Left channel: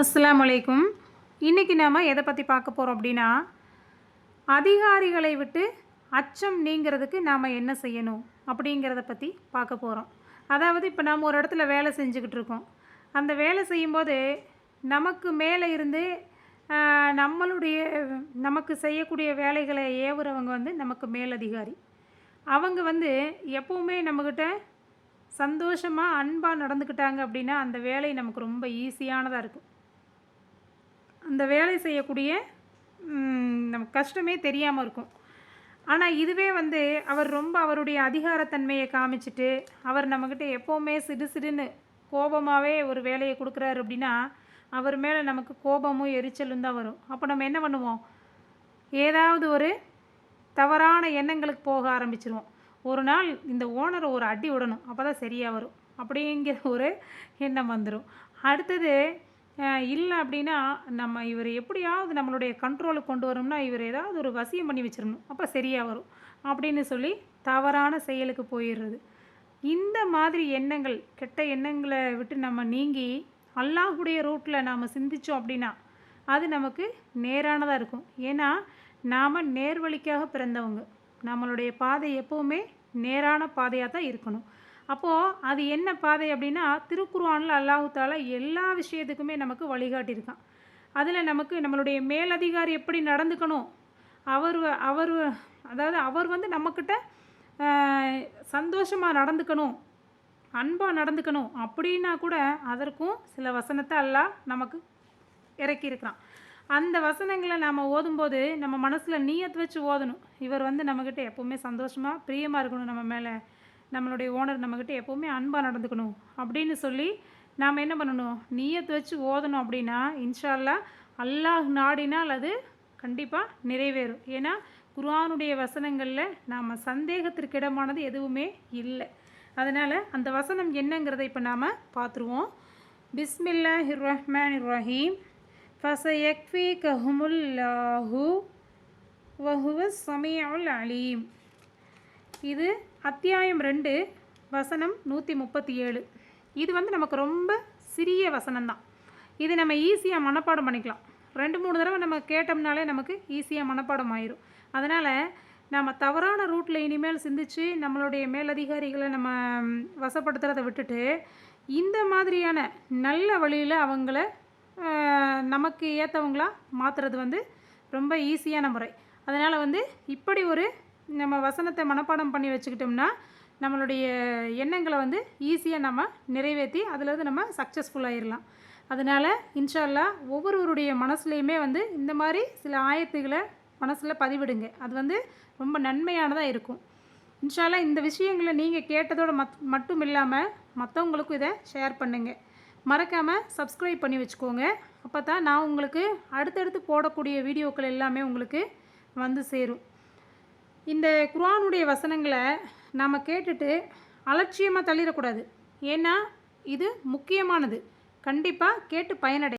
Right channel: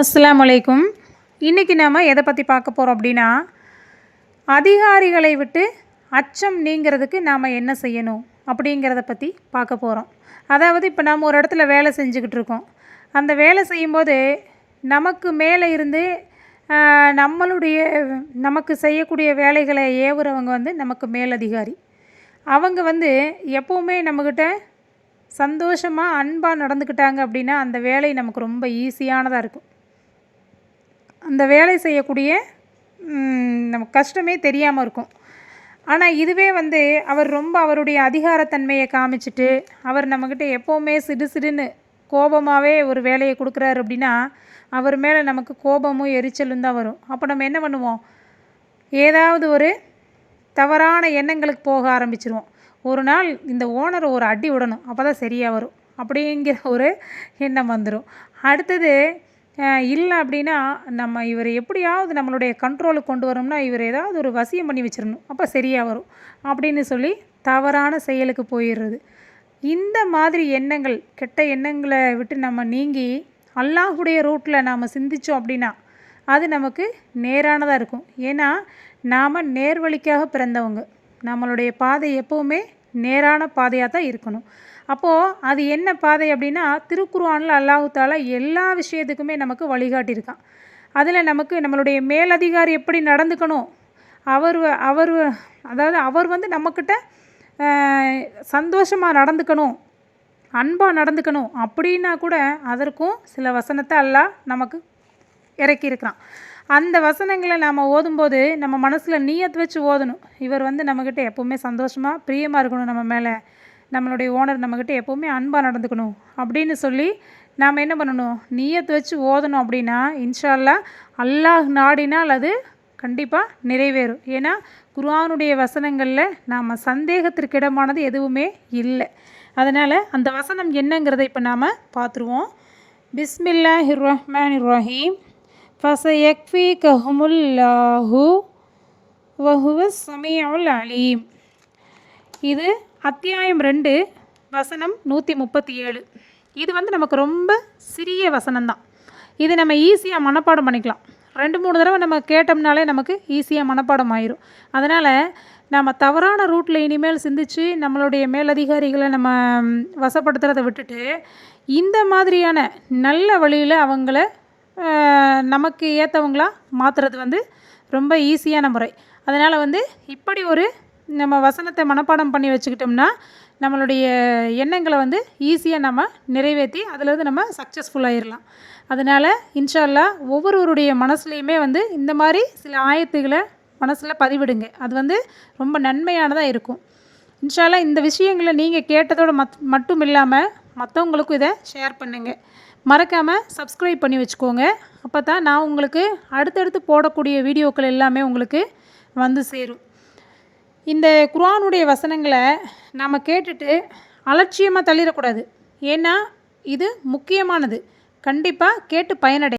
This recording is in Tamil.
அஸ்ஸலாமு அலைக்கும். இன்றைக்கி நாம் எதை பற்றி பார்க்க போகிறோம் அப்படின்னா, அதிகாரிகளை விட்டு அச்சம் நீங்கிறதுக்கு நாம் என்ன செய்யணும் அப்படிங்கிறத பற்றி பார்க்க போகிறோம். அதாவது இப்போ நாம் ஒரு இடத்துல வேலை செஞ்சுக்கிட்டு இருக்கோம். அந்த வேலை செய்யும்போது நமக்கு மேலே இருந்து நமக்கு செய்யக்கூடிய வேலைகளை ஏவுறவங்க நமக்கு மேலதிகாரி. அவங்க எப்போவுமே நம்மக்கிட்ட சந்தோஷமாக அன்பாக நடந்துக்கிட்டாங்க அப்படின்னா அந்த வேலை நமக்கு ரொம்ப ஈஸியானதாக இருக்கும். அந்த வேலை செய்யக்கூடிய நமக்கு கஷ்டமே தெரியாமல் இருக்கும். ஆனால் இதுவே அவர் ரொம்ப அவருடைய அதிகாரத்தன்மையை காமிச்சிட்டு அவர் நம்மக்கிட்ட எப்போவுமே சிடுசிடுன்னு கோபமாகவே ஒரு வேலையை கொடுக்குறாரு அப்படின்னா அவர் மேலே நமக்கு கோபமும் எரிச்சலும் தான் வரும். அப்போ நம்ம என்ன பண்ணுவோம், ஏதாவது ஒரு தவறான எண்ணங்களுக்கு போக ஆரம்பிச்சிருவோம். ஒரு நாள் இந்த ஓனரை ஒரு அடி விடணும், அப்போ தான் சரியாக வரும் அப்படிங்கிற ஒரு எண்ணம் வந்துடும். அடுத்தது இல்லை அப்படின்னா நம்ம இவர் எப்படியாவது நம்மளுடைய கண்ட்ரோலுக்கு கொண்டு வரோம்னா இவர் ஏதாவது ஒரு வசியம் பண்ணி வச்சிடணும், அப்போ சரியாக வரும் அப்படின்னு சொல்லி தவறான செயலுக்கு போயிடுறது. இந்த மாதிரி எண்ணங்கள், கெட்ட எண்ணங்களை விட்டு நம்ம நீங்கி அல்லாஹுடைய ரூட்டில் நாம் சிந்தித்தோம் அப்படின்னா அது நமக்கு நேரானதாக இருக்கும். ஏன்னா நாம் நேர்வழிக்காக பிறந்தவங்க. நம்மளுடைய பாதை எப்போவுமே நேரான பாதையாக தான் இருக்கணும். அப்போது அது என்ன பாதை அப்படின்னா, திருக்குர்ஆனில் அல்லாஹ் தஆலா எல்லா விஷயத்துக்குமே நமக்கு வழிகாட்டியிருக்கான். அதில் நமக்கு நம்மளுடைய மேலதிகாரி எப்படி நடந்துக்கணும், அவர் நம்மக்கிட்ட சந்தோஷமாக நடந்துக்கணும், அன்பாக நடந்துக்கணும் அப்படின்னா கூட அதற்கும் சில வசனத்தை அல்லாஹ் நமக்கு இறக்கியிருக்கிறான். அந்த வசனங்களை நாம் ஓதும்போது நம்ம மனசில் நியத் வச்சு ஓதணும். இவர் நம்மக்கிட்ட எப்போவுமே சந்தோஷமாக பிரியமாக இருக்கணும், நம்ம மேலே நம்மளுடைய ஓனர் நம்மக்கிட்ட எப்போவுமே அன்பாக நடந்துக்கணும் அப்படின்னு சொல்லி நாம் என்ன பண்ணணும், நியத் வச்சு ஓதணும். அப்படின்னா இன்ஷா அல்லாஹ் அல்லாஹ் நாடினால் அது கண்டிப்பாக நிறைவேறும். ஏன்னா குர்ஆனுடைய வசனங்களில் நாம் சந்தேகத்திற்கிடமானது எதுவுமே இல்லை. அதனால் அந்த வசனம் என்னங்கிறத இப்போ நாம் பார்த்துருவோம். பிஸ்மில்லாஹிர் ரஹ்மானிர் ரஹீம். ஃபஸயக்ஃபீகஹுமுல்லாஹு வஹுவஸ் ஸமீஉல் அலீம். இது அத்தியாயம் 2 வசனம் 137. இது நமக்கு ரொம்ப சிறிய வசனம்தான். இது நம்ம ஈஸியாக மனப்பாடம் பண்ணிக்கலாம். 2-3 தடவை நம்ம கேட்டோம்னாலே நமக்கு ஈஸியாக மனப்பாடம் ஆயிரும். அதனால் நம்ம தவறான ரூட்டில் இனிமேல் சிந்தித்து நம்மளுடைய மேலதிகாரிகளை நம்ம வசப்படுத்துகிறத விட்டுட்டு இந்த மாதிரியான நல்ல வழியில் அவங்கள நமக்கு ஏற்றவங்களாக மாற்றுறது ரொம்ப ஈஸியான முறை. அதனால் இப்படி ஒரு நம்ம வசனத்தை மனப்பாடம் பண்ணி வச்சுக்கிட்டோம்னா நம்மளுடைய எண்ணங்களை ஈஸியாக நம்ம நிறைவேற்றி அதிலிருந்து நம்ம சக்ஸஸ்ஃபுல்லாகிடலாம். அதனால் இன்ஷா அல்லாஹ் ஒவ்வொருவருடைய மனசுலையுமே இந்த மாதிரி சில ஆயத்துகளை மனசில் பதிவிடுங்க. அது ரொம்ப நன்மையானதாக இருக்கும். இன்ஷா அல்லாஹ் இந்த விஷயங்களை நீங்கள் கேட்டதோடு மட்டும் இல்லாமல் மற்றவங்களுக்கும் இதை ஷேர் பண்ணுங்கள். மறக்காமல் சப்ஸ்கிரைப் பண்ணி வச்சுக்கோங்க. அப்போ தான் நான் உங்களுக்கு அடுத்தடுத்து போடக்கூடிய வீடியோக்கள் எல்லாமே உங்களுக்கு சேரும். இந்த குர்ஆனுடைய வசனங்களை நாம் கேட்டுட்டு அலட்சியமாக தள்ளிடக்கூடாது. ஏன்னா இது முக்கியமானது. கண்டிப்பாக கேட்டு பயனடை.